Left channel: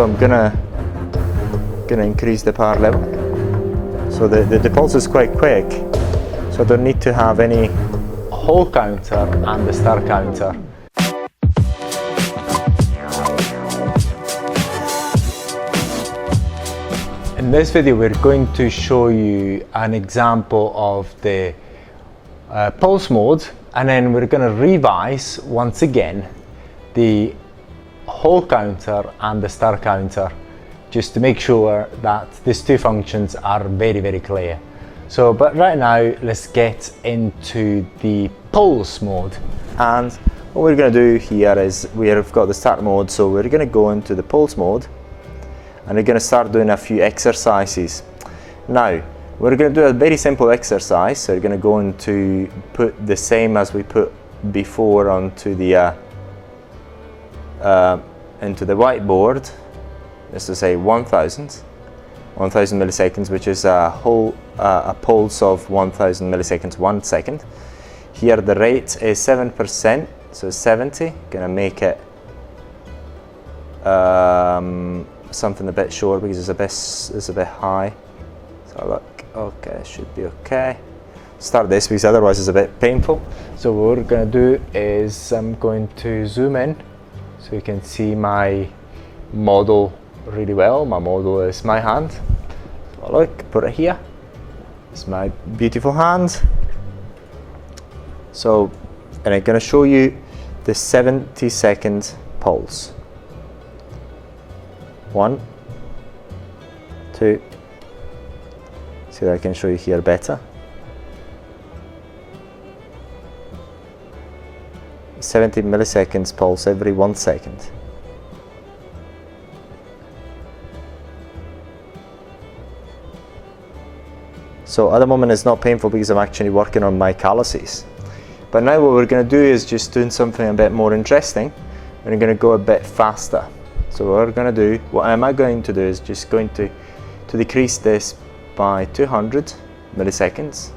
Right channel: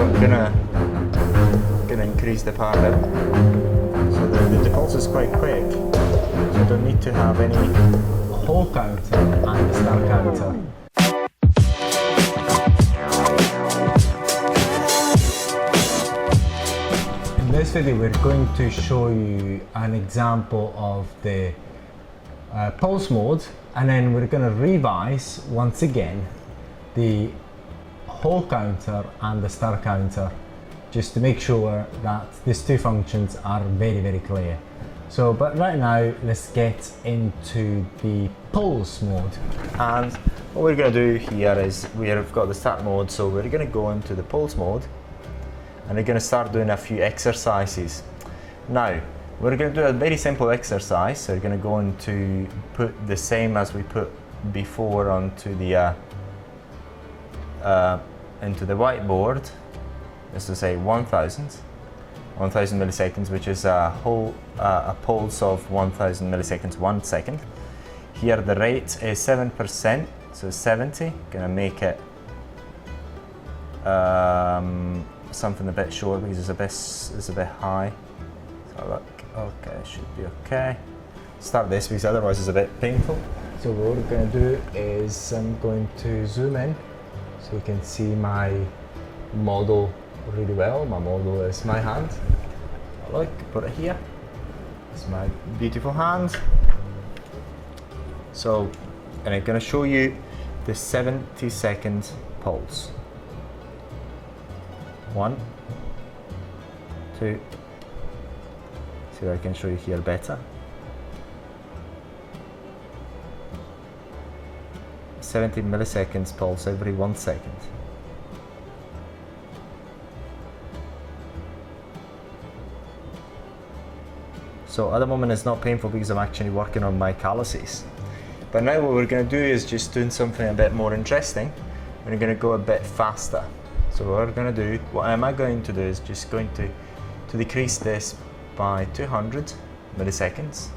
So I'm gonna increase the power level. So the pulse is quite quick, so I don't need to have any whole counter and the star counter. In this video we're going to show you an example of the pulse mode, and then we're going to revise once again the whole counter and the star counter, just to make sure that these two functions are very clear. So, but right now let's get into the pulse mode. And what we're going to do here is we've got the start mode, so we're going to go into the pulse mode and we're going to start doing a few exercises. Now we're going to do a very simple exercise, so we're going to go into put the same as we put before onto the into the whiteboard. Let's just say 1000 milliseconds, which is a pulse of 1000 milliseconds 1 second. Here the rate is 7%, so 70. Gonna make it something a bit short because it's a bit high. So look, okay, should be okay. Start this because otherwise it's a bit painful. So what we're gonna do is I'm going to zoom in so you can see my model really well. My model is my hand. So look, put it here. It's my beautiful hand. So, and I'm going to show you the 70-second pulse. 1, 2. See if I can show you here better. 70 milliseconds pulse every 1 second. So at the moment it's not painful because I'm actually working on my calluses. But now what we're going to do is just doing something a bit more interesting. We're going to go a bit faster. So what we're going to do, what am I going to do is just going to decrease this by 200 milliseconds.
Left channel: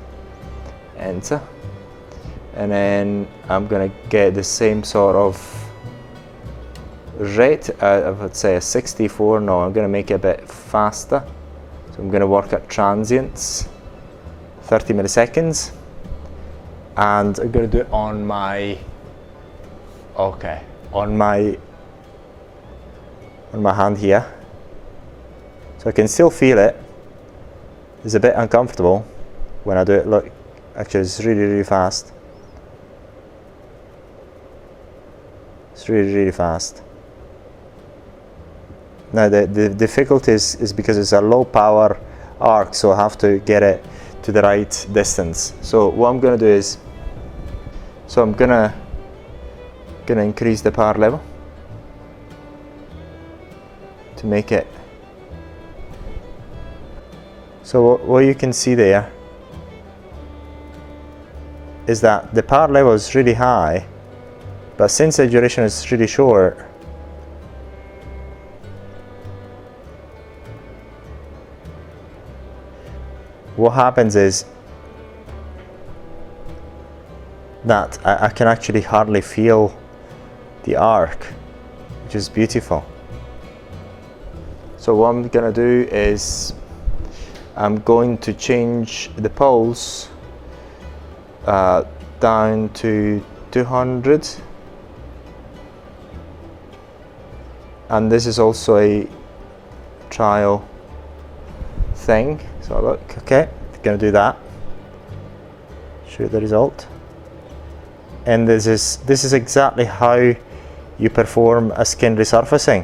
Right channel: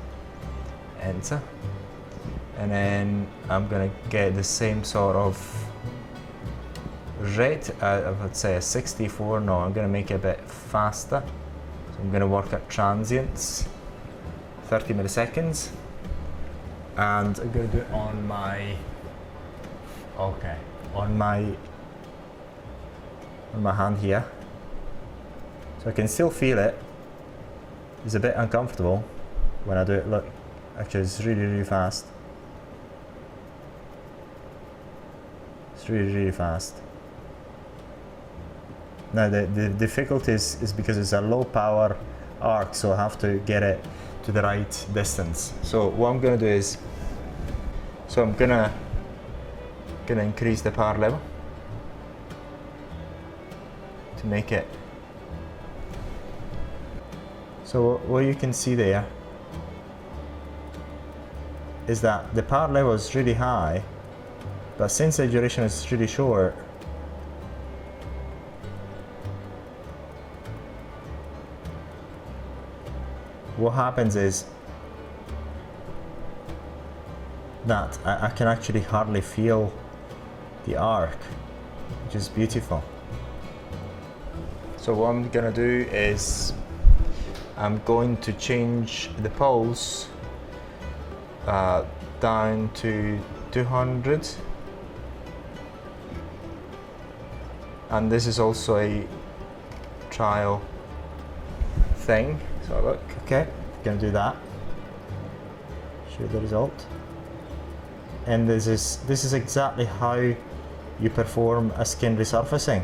Enter. And then I'm going to get the same sort of rate. I would say a 64. No, I'm going to make it a bit faster. So I'm going to work at transients, 30 milliseconds, and I'm going to do it on my, okay, on my hand here. So I can still feel it. It's a bit uncomfortable when I do it. Look, actually it's really fast. It's really fast. Now the difficulty is because it's a low power arc, so I have to get it to the right distance. So what I'm going to do is, so I'm gonna increase the power level to make it. So what you can see there is that the power level is really high, but since the duration is really short, what happens is that I can actually hardly feel the arc, which is beautiful. So what I'm going to do is I'm going to change the pulse down to 200, and this is also a trial thing. So look, okay, gonna do that. Show you the result. And this is exactly how you perform a skin resurfacing,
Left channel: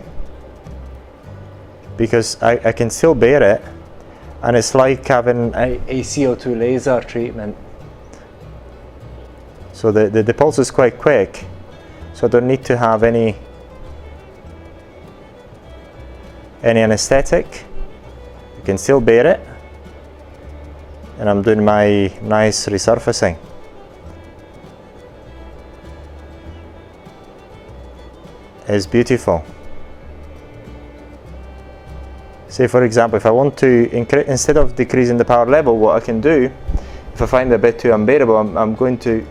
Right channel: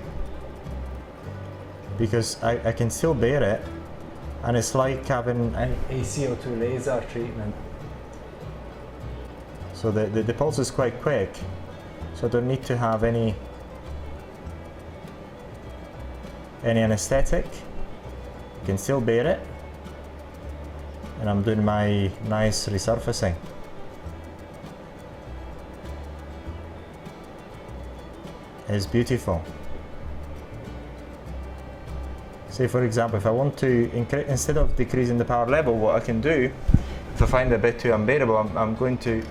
because I can still bear it, and it's like having a CO2 laser treatment. So the pulse is quite quick, so I don't need to have any anesthetic. I can still bear it, and I'm doing my nice resurfacing. It's beautiful. Say for example, if I want to instead of decreasing the power level, what I can do, if I find it a bit too unbearable, I'm going to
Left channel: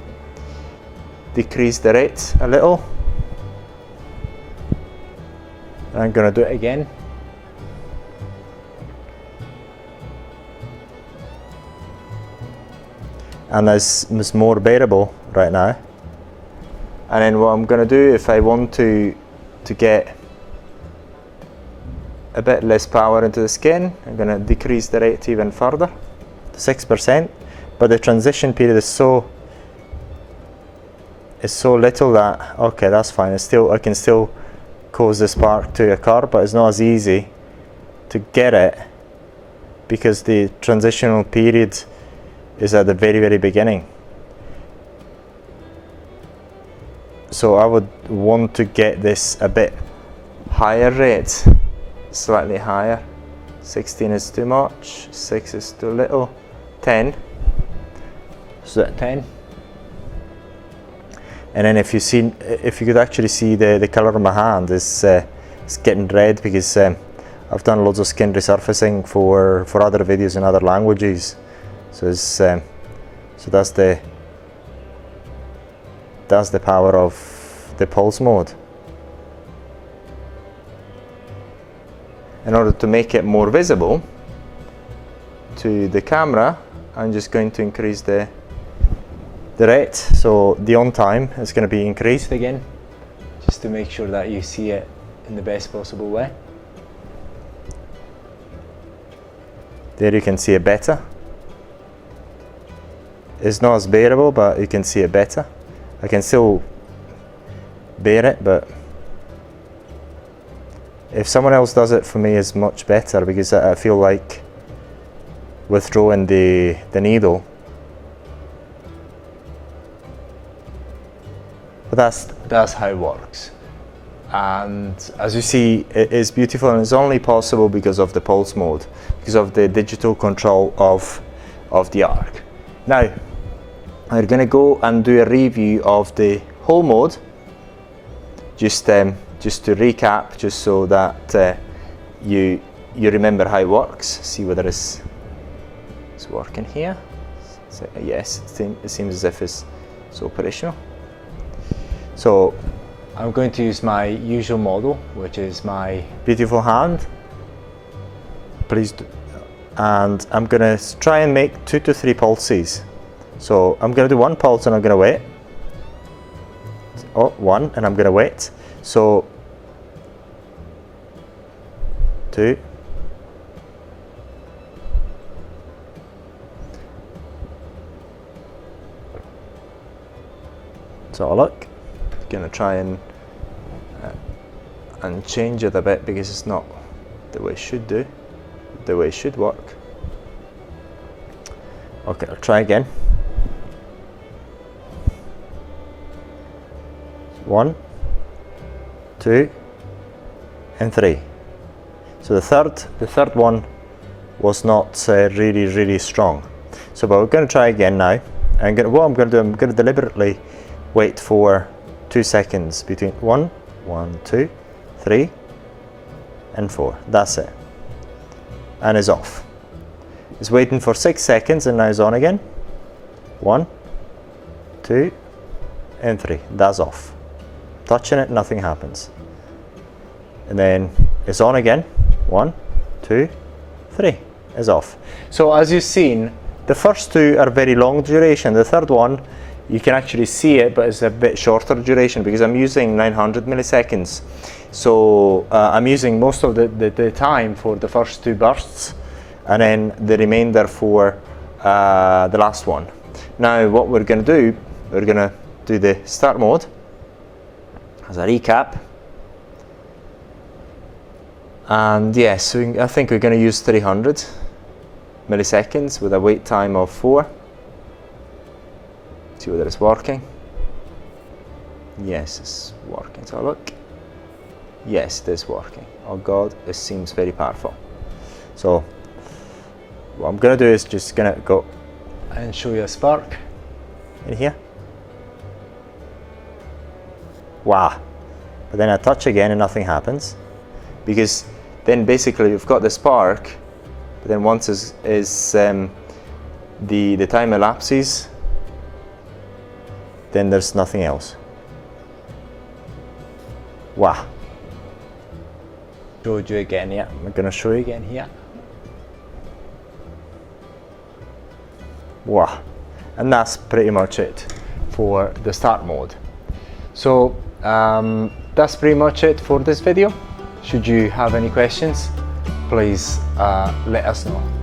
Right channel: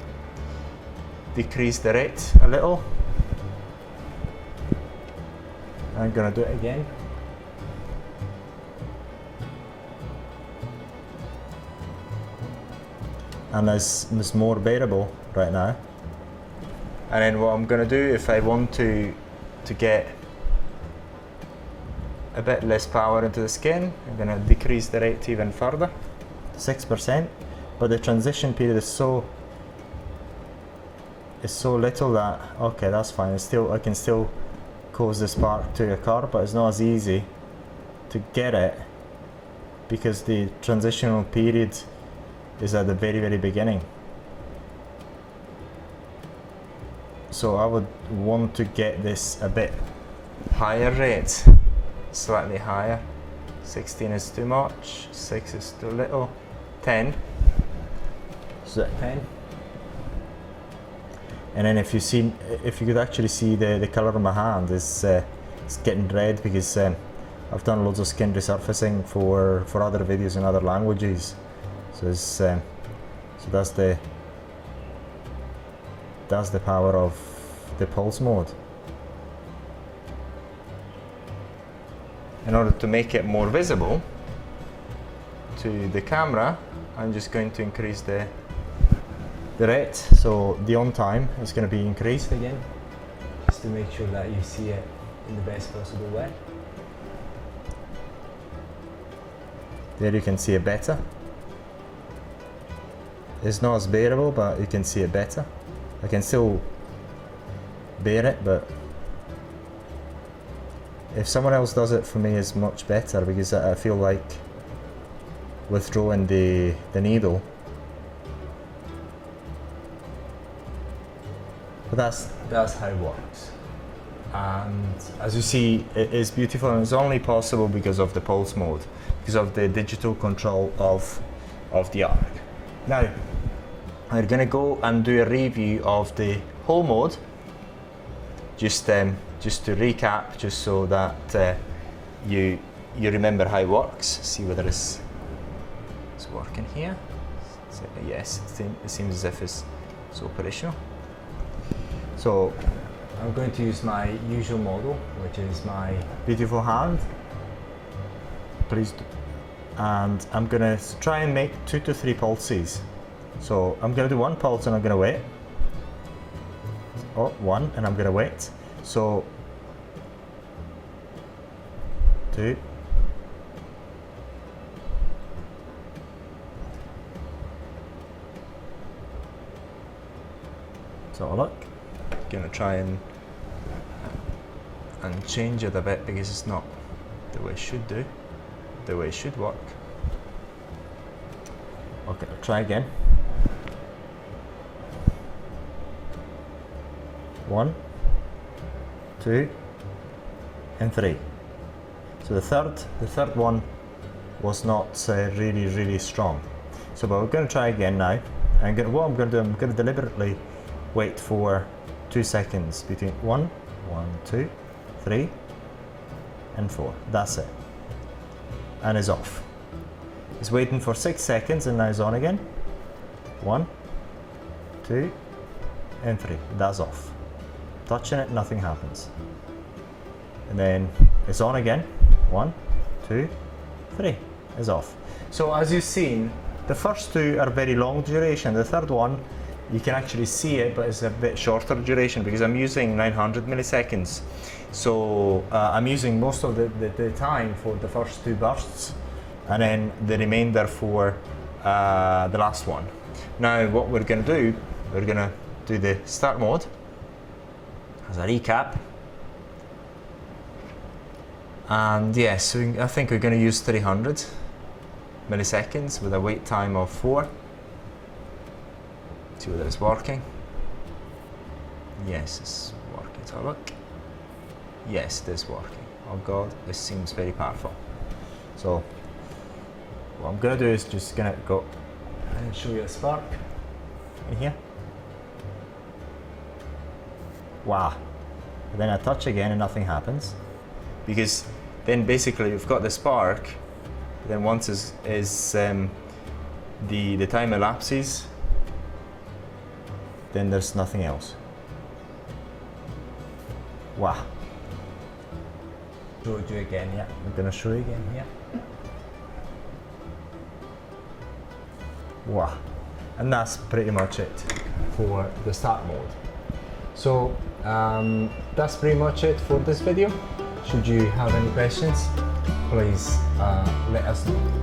decrease the rate a little. I'm gonna do it again. And this is more bearable right now. And then what I'm gonna do, if I want to get a bit less power into the skin, I'm gonna decrease the rate even further to 6%. But the transition period is so little that, okay, that's fine. I can still cause the spark to occur, but it's not as easy to get it because the transitional period is at the very, very beginning. So I would want to get this a bit higher rate, slightly higher. 16 is too much, 6 is too little, 10. So at 10. And then if you could actually see the colour of my hand is getting red because I've done loads of skin resurfacing for other videos in other languages. So so that's the power of the pulse mode. In order to make it more visible to the camera, I'm just going to increase the rate. So the on time is going to be increased again, just to make sure that you see it in the best possible way. There you can see it better. It's not as bearable, but you can see it better. I can still bear it, but if someone else does it for me, it's much better because I feel like withdrawing the needle. But that's how it works. And as you see, it is beautiful, and it's only possible because of the pulse mode, because of the digital control of the arc. Now, we're going to go and do a review of the whole mode, just to recap, just so that you remember how it works. See whether it's working here. So, yes, it seems as if it's operational. So I'm going to use my usual model, which is my beautiful hand. Please do. And I'm going to try and make 2 to 3 pulses. So I'm going to do 1 pulse and I'm going to wait. Oh, 1, and I'm going to wait. So 2. So look, I'm going to try and change it a bit because it's not the way it should do, the way it should work. Okay, I'll try again. 1, 2, and 3. So the third one was not really strong. So, but we're going to try again now. What I'm going to do, I'm going to deliberately wait for 2 seconds between 1, 2, 3, and 4. That's it. And it's off. It's waiting for 6 seconds and now it's on again. 1, 2, and 3. That's off. Touching it, nothing happens. And then it's on again. 1, 2, 3. It's off. So as you've seen, the first 2 are very long duration. The third one, you can actually see it, but it's a bit shorter duration because I'm using 900 milliseconds. So I'm using most of the time for the first 2 bursts, and then the remainder for the last one. Now what we're going to do, we're going to do the start mode as a recap. And yes, I think we're going to use 300 milliseconds with a wait time of 4. See whether it's working. Yes, it's working. So look. Yes, it is working. Oh God, this seems very powerful. So what I'm going to do is just going to go and show you a spark in here. Wow. But then I touch again and nothing happens, because then basically you've got the spark, but then once the time elapses, then there's nothing else. Wow. Showed you again, yeah. I'm gonna show you again here. Wow, and that's pretty much it for the start mode. So that's pretty much it for this video. Should you have any questions, please let us know.